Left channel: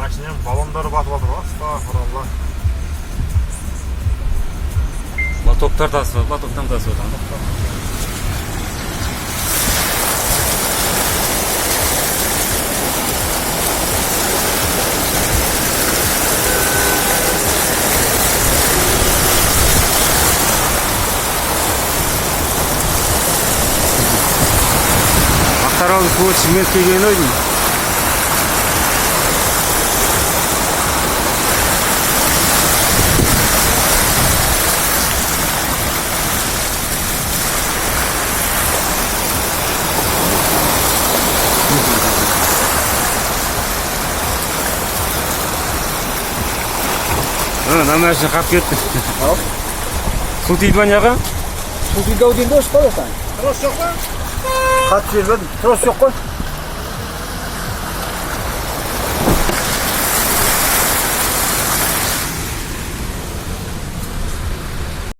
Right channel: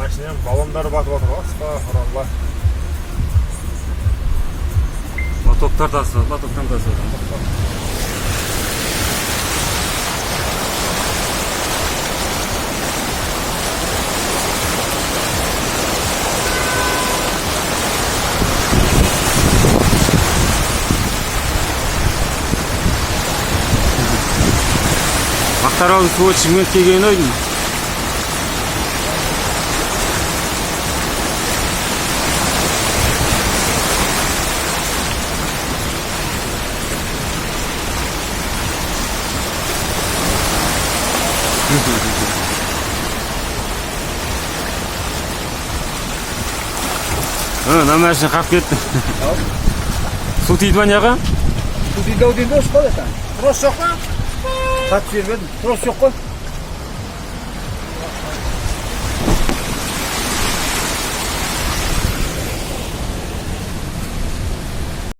Машинам баллондары батып отыр. Астағфиралла. Лотоктар тасып, лотоктан тасып. Мақтаралдың суы Шымкентке келген ойдың. Намашын қап кетті. Су тиді ма неға? Су тиді ау деймін, осы қой ата. Трос жоқ па? Қатып жібердім. Трос жоқ қой.